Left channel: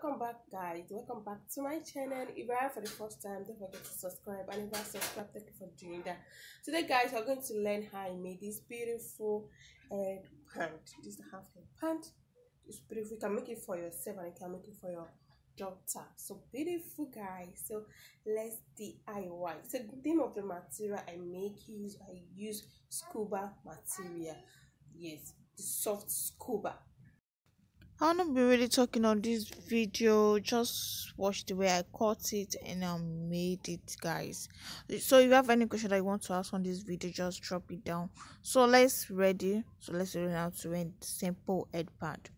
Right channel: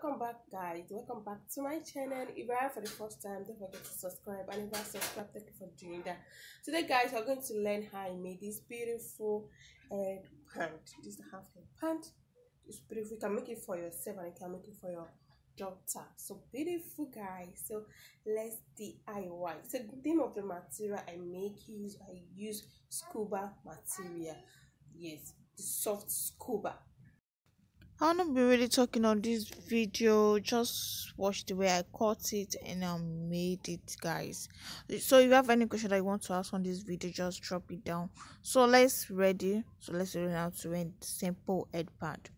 Welcome back, guys. Welcome back to my channel. If you're here for the first time, don't forget to subscribe, and if you are subscribed, thank you for doing that. Today, guys, we're going to learn how I made this beautiful headband. This is the half headband. It's beautiful. You can make it for yourself and you can make it for your daughter. So beautiful, guys. So let's DIY. So the name of the material I use Scuba material. Yes, the soft Scuba. I'll not be really talking on this video. Just watch the way I cut it and I made it, guys. So if you have any question that you want to ask on this video, just drop it down. So let's learn how to make simple headband.